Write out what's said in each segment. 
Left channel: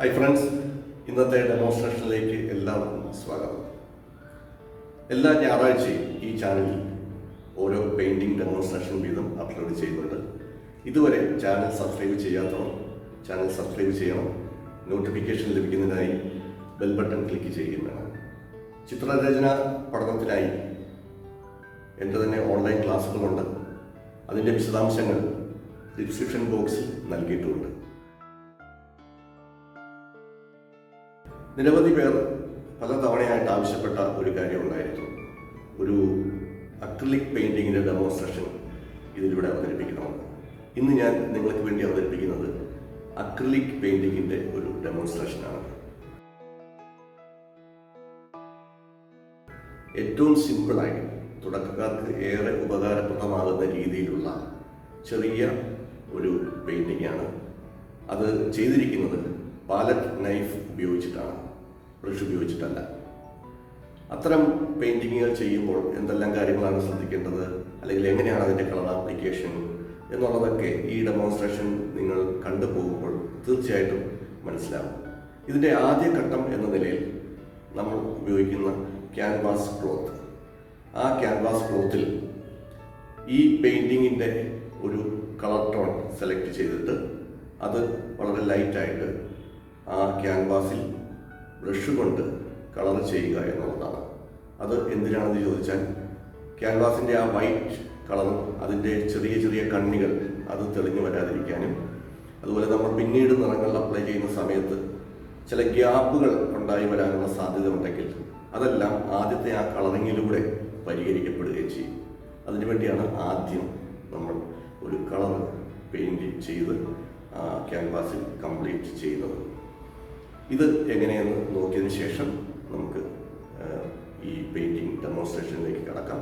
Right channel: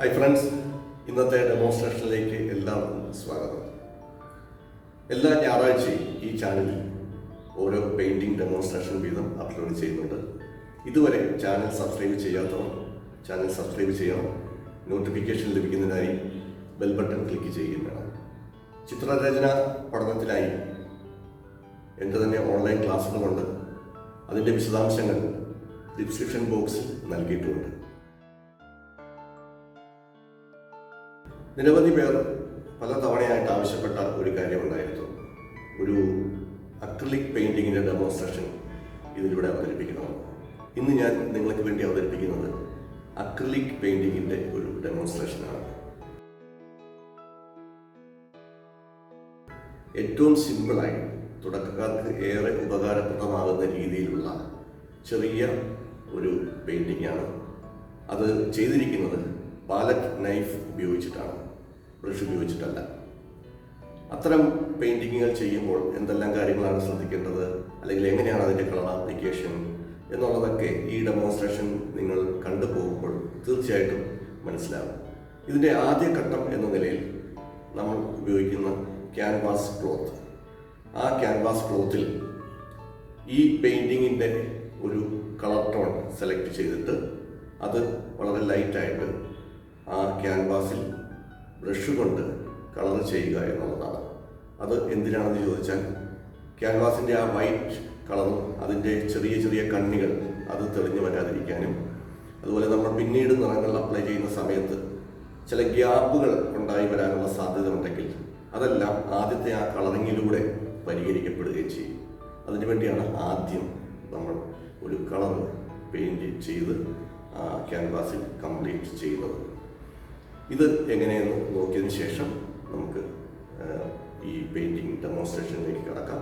Hi friends, ഇന്നത്തെ ഡെമോൺസ്ട്രേഷനിലേക്ക് എല്ലാവർക്കും സ്വാഗതം. എല്ലാ ഞായറാഴ്ചയും ഈ ചാനലിൽ ഓരോ പെയിൻറ്റിംഗ് ഡെമോൺസ്ട്രേഷൻ വീതം അപ്ലോഡ് ചെയ്യുന്നുണ്ട്. ഇതുവരെ ചാനൽ സബ്സ്ക്രൈബ് ചെയ്യാത്തവർ ചാനൽ സബ്സ്ക്രൈബ് ചെയ്യണം. നോട്ടിഫിക്കേഷൻ ലഭിക്കുന്നതിനായി ബെൽ ബട്ടൺ ക്ലിക്ക് ചെയ്യുകയും വേണം. ചിത്രരചന പഠനത്തിനായി എൻ്റെ തന്നെ ഓൺലൈൻ ക്ലാസ്സുകളുണ്ട്. അതിൻ്റെ വിശദാംശങ്ങൾ ഡിസ്ക്രിപ്ഷൻ ബോക്സിൽ നൽകിയിട്ടുമുണ്ട്. നിരവധി പേർ പല തവണയായിട്ട് ആവശ്യപ്പെട്ട ഒരു കാര്യമുണ്ടായിരുന്നു. ഒരു അക്രിലിക് പെയിൻറ്റിങ്ങിൻ്റെ ഡെമോൺസ്ട്രേഷൻ ഇതിലൂടെ അവതരിപ്പിക്കണമെന്ന്. ഇന്ന് ഞാൻ നിങ്ങൾക്ക് വേണ്ടി അവതരിപ്പിക്കുന്നത് അക്രിലിക് പെയിൻറ്റിങ്ങിൻ്റെ ഒരു ഡെമോൺസ്ട്രേഷനാണ്. ഏറ്റവും സിമ്പിളായി തുടക്കക്കാർക്ക് ഏറെ ഉപകാരപ്രദമാകുന്ന രീതിയിലുള്ള ചെറിയ ഒരു പെയിൻറ്റിങ്ങാണ്. അത് ചെയ്തിരിക്കുന്നത് പാലറ്റ് നൈഫ് ഉപയോഗിച്ചിട്ടാണ്, ബ്രഷ് ഉപയോഗിച്ചിട്ടല്ല. അത്തരം പെയിൻറ്റിങ്ങുകൾ ചെയ്യുമ്പോൾ എന്തെല്ലാം കാര്യങ്ങളാണ് ശ്രദ്ധിക്കേണ്ടത്, അല്ലെങ്കിൽ എങ്ങനെയാണ് അതിൻ്റെ കളർ ആപ്ലിക്കേഷൻ എന്നുള്ളതൊക്കെ ഈ ഡെമോൺസ്ട്രേഷൻ നിങ്ങൾ കണ്ടുപോകുമ്പോൾ തീർച്ചയായിട്ടും മനസ്സിലാവും. ഇതിൻ്റെ ആദ്യ ഘട്ടം എന്ന നിലയിൽ നമ്മൾ ഉപയോഗിക്കുന്ന ക്യാൻവാസ് ക്ലോത്ത്, ആ ക്യാൻവാസ് ക്ലോത്തിൽ ഈ പെയിൻറ്റിങ്ങിൻ്റെ ഒരു കളർ ടോൺ സെലക്ട് ചെയ്തിട്ട് അത് വളരെ ലൈറ്റായിട്ട് ആ ക്യാൻവാസിൽ ബ്രഷ് കൊണ്ട് കളർ ചെയ്യുക എന്നുള്ളതാണ്. അത് എന്തിനാണെന്ന് ചോദിച്ചാൽ, ക്യാൻവാസിൻ്റെ ആ വൈറ്റ് കളറും അതിൻ്റെ ചെറിയ ചെറിയ കണ്ണികൾ അത് തെളിഞ്ഞു വരാതിരിക്കാനും, അതുപോലെ നമ്മൾ പിന്നീട് നിറങ്ങൾ അപ്ലൈ ചെയ്യുന്ന സമയത്ത് ചില ഗ്യാപ്പുകൾ ഉണ്ടായി വരാനുള്ള സാധ്യത ഉണ്ടെങ്കിൽ അതെല്ലാം ആദ്യത്തെ ആ കളറിങ്ങിലൂടെ പരിഹരിക്കപ്പെടുകയും ചെയ്യും. അതിനുവേണ്ടിയാണ് ആദ്യം നമ്മൾ ഒരു കളർ പെയിൻറ് ചെയ്ത് ആ ക്യാൻവാസിൽ കംപ്ലീറ്റ് ചെയ്യുന്നത്. ഇത് എങ്ങനെയെന്ന് നോക്കിയതിന് ശേഷം നമുക്ക് ഈ പെയിൻറ്റിംഗ് ഡെമോൺസ്ട്രേഷനിലേക്ക് കടക്കാം.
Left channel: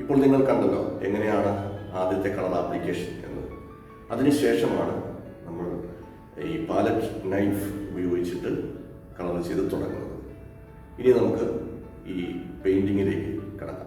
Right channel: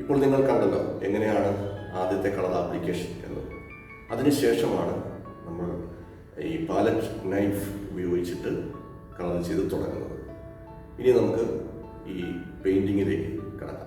ഇപ്പോൾ നിങ്ങൾ കണ്ടല്ലോ എങ്ങനെയാണ് ആദ്യത്തെ കളർ ആപ്ലിക്കേഷൻ എന്ന്. അതിനുശേഷമാണ് നമ്മൾ ഈ പാലറ്റ് നൈഫ് ഉപയോഗിച്ചിട്ട് കളർ ചെയ്ത് തുടങ്ങുന്നത്. ഇനി നമുക്ക് ഈ പെയിൻറ്റിങ്ങിലേക്ക് കടക്കാം.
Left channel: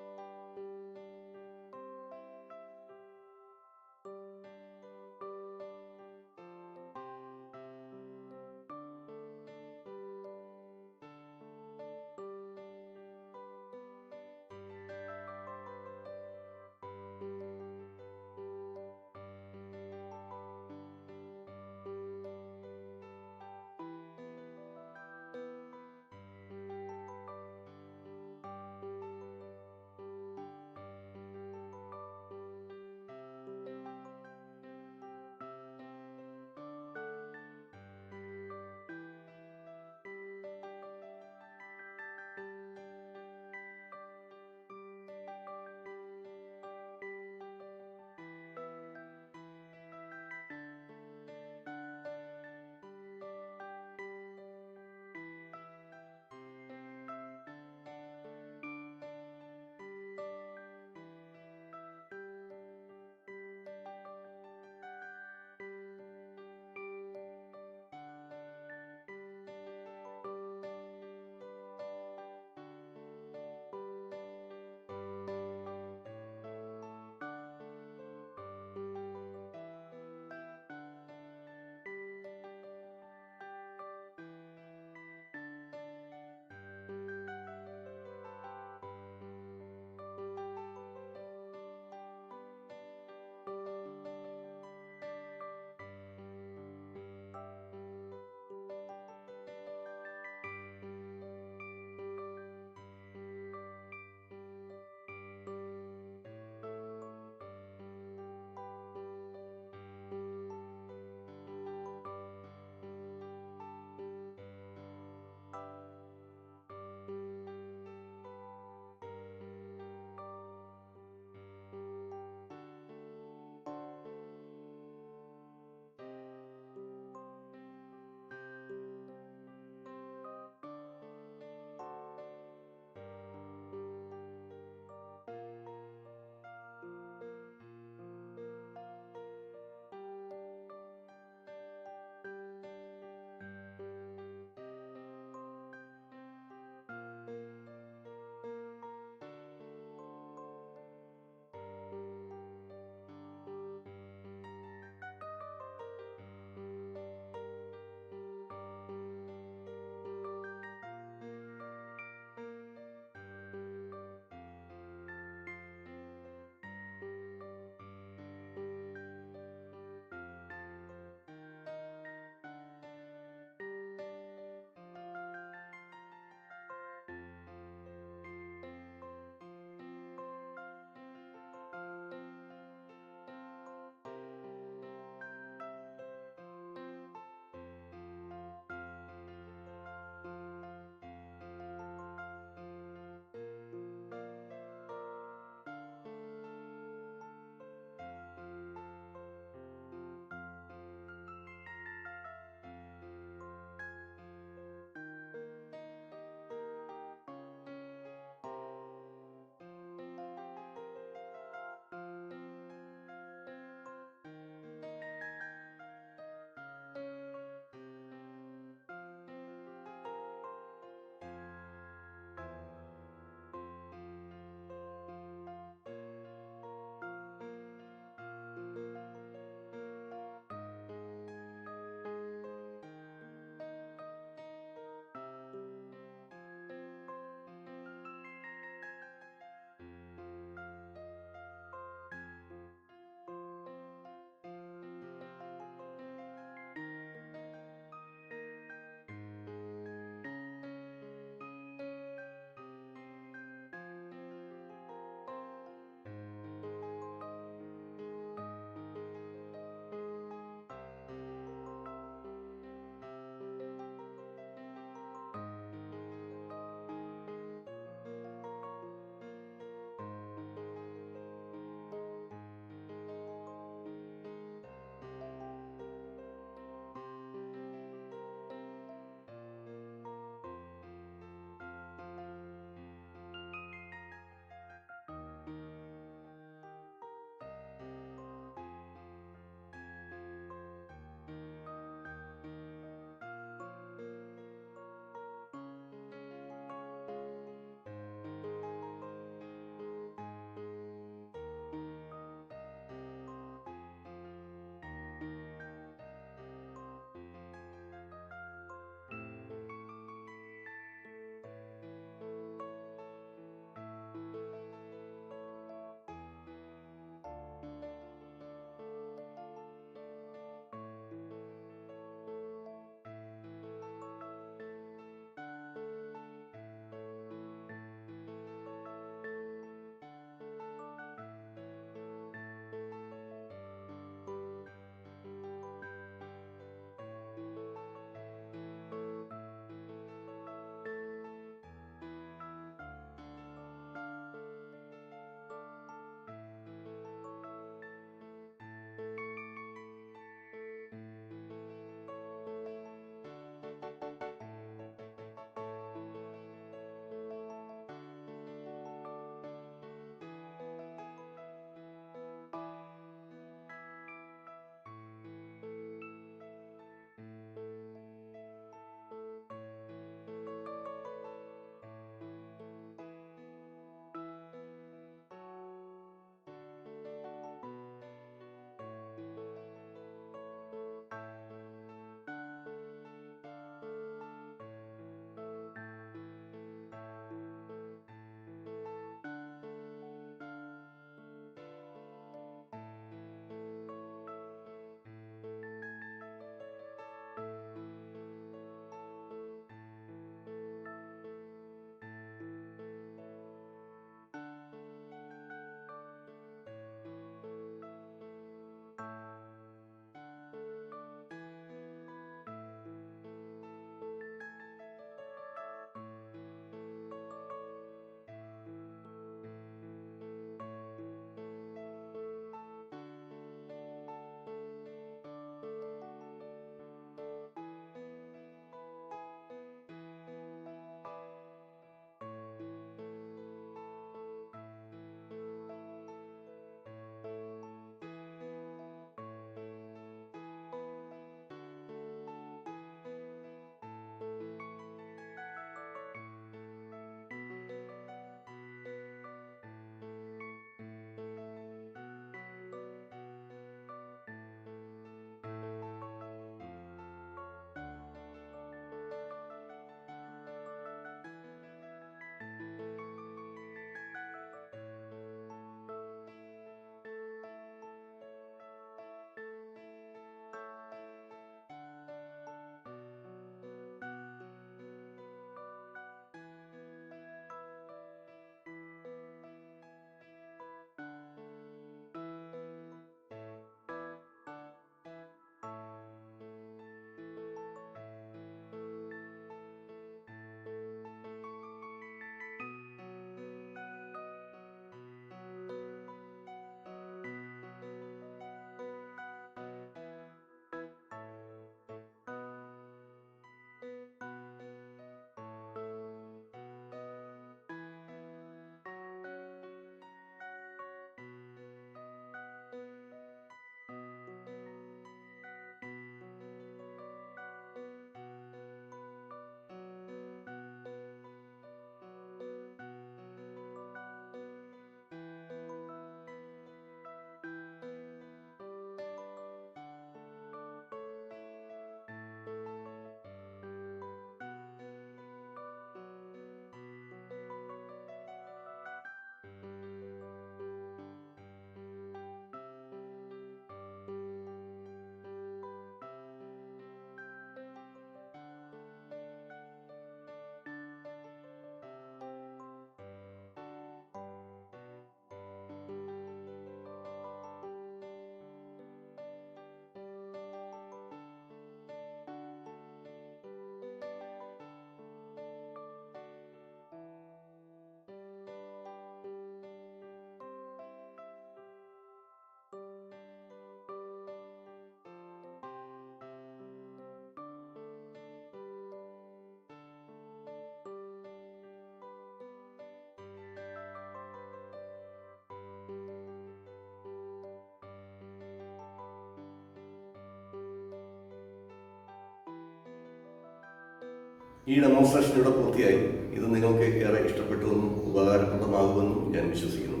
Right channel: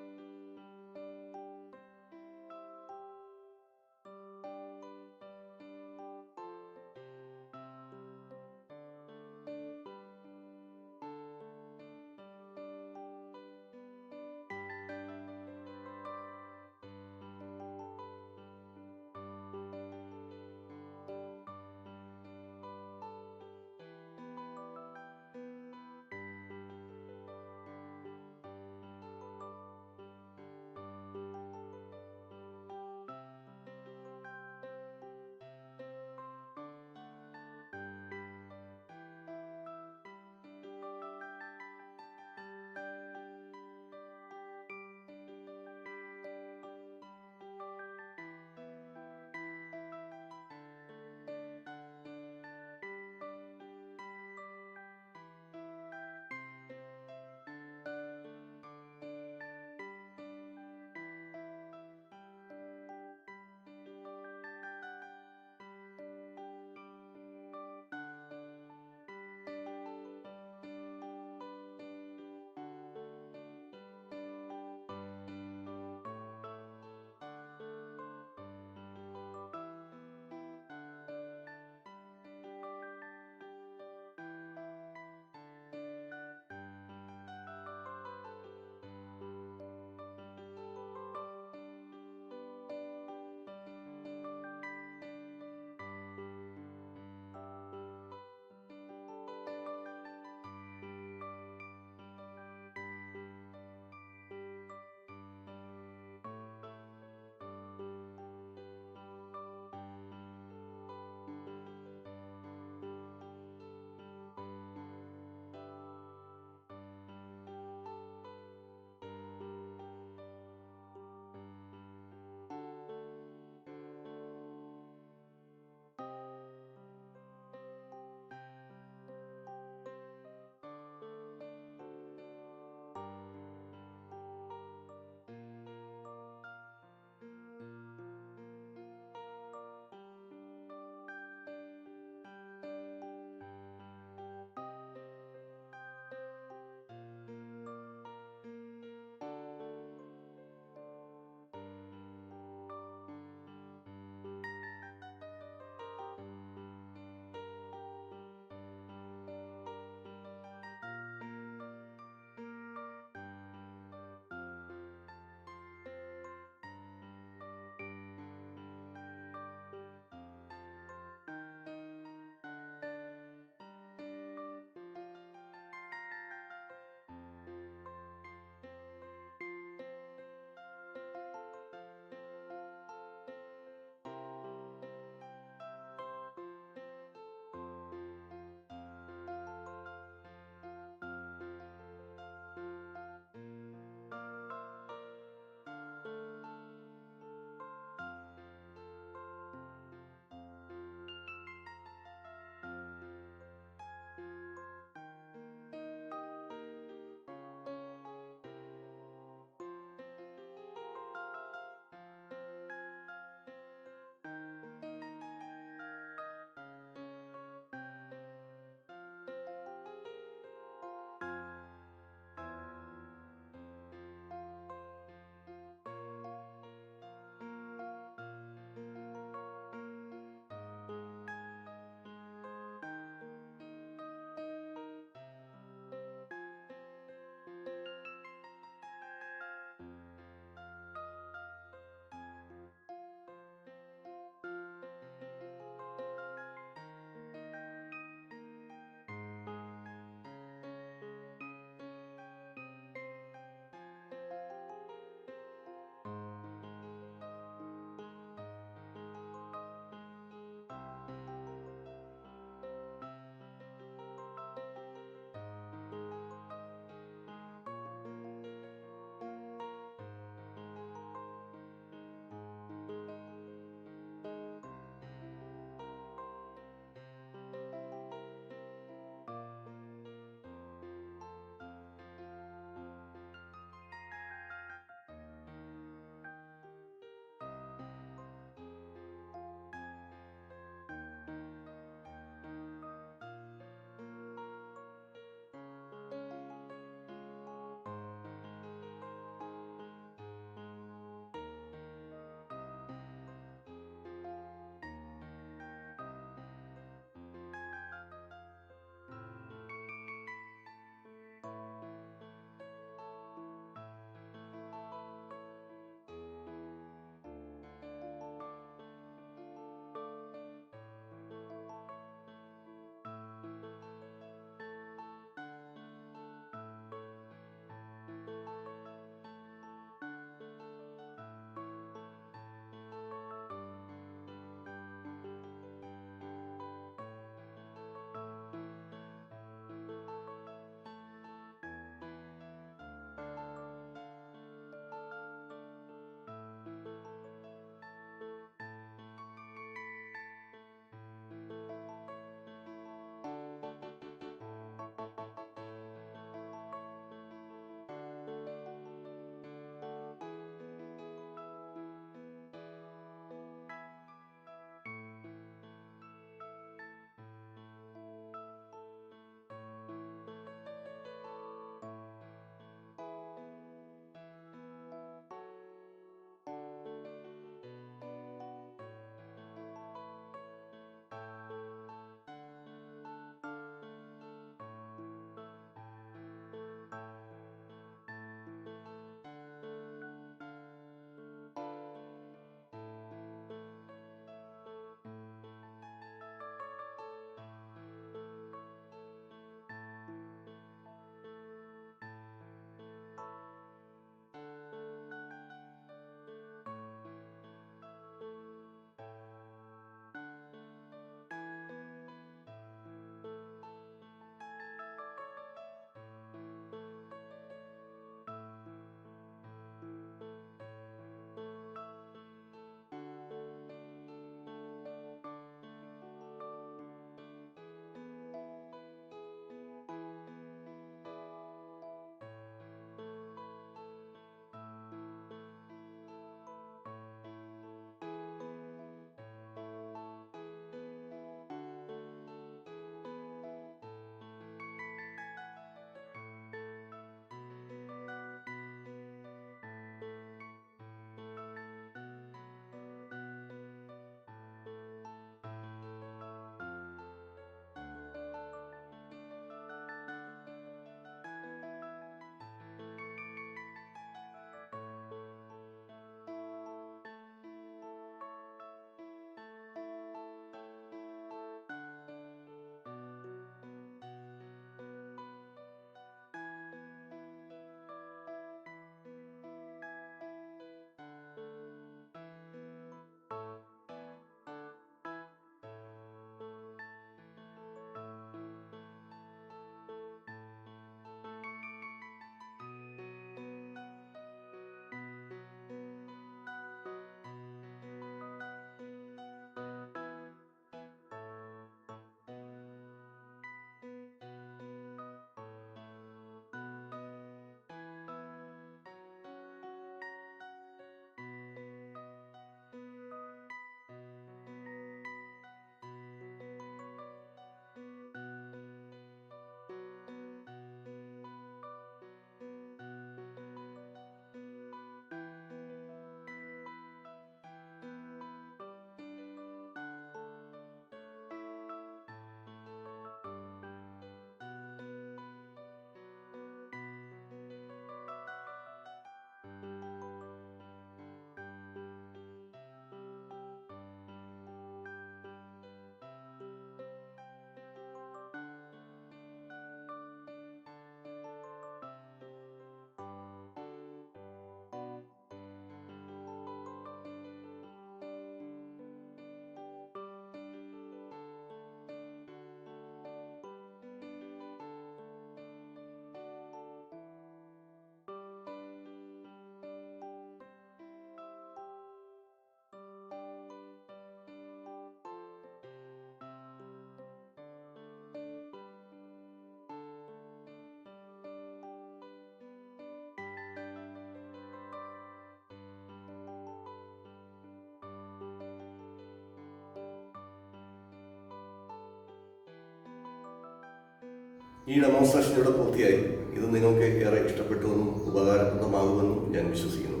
ഈ ഡെമോൺസ്ട്രേഷൻ ഇവിടെ പൂർത്തിയായി. ഇത് നിങ്ങൾക്ക് ഏറെ ഇഷ്ടപ്പെട്ടുവെന്നും ഉപകാരപ്രദമാകുമെന്നും ഞാൻ വിശ്വസിക്കുന്നു.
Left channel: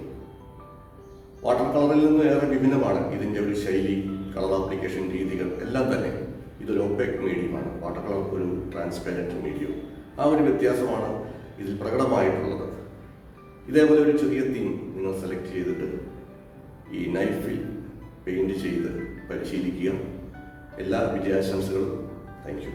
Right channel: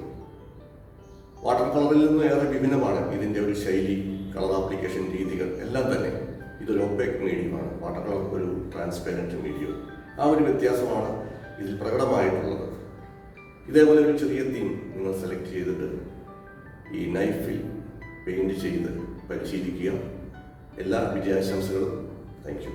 വാട്ടർ കളറിൽ നിന്നും ഏറെ വിഭിന്നമാണ് ഇതിൻ്റെ ഒരു ശൈലി, കളർ ആപ്ലിക്കേഷൻ രീതികൾ എല്ലാം തന്നെ. ഇതൊരു ഒപേക്ക് മീഡിയമാണ്. വാട്ടർ കളർ ഒരു ട്രാൻസ്പെരൻറ്റ് മീഡിയം. ആ ഒരു വ്യത്യാസമാണ് ഇതിൽ പ്രകടമായിട്ടുള്ളത്. ഇതേപോലെ ഒരു ചെറിയ തീം നിങ്ങൾ സെലക്ട് ചെയ്തിട്ട് ഈ നൈഫിൽ പെയിൻറ് ചെയ്ത് പരിശീലിക്കുക. എല്ലാ വിജയാശംസകളും. Thank you.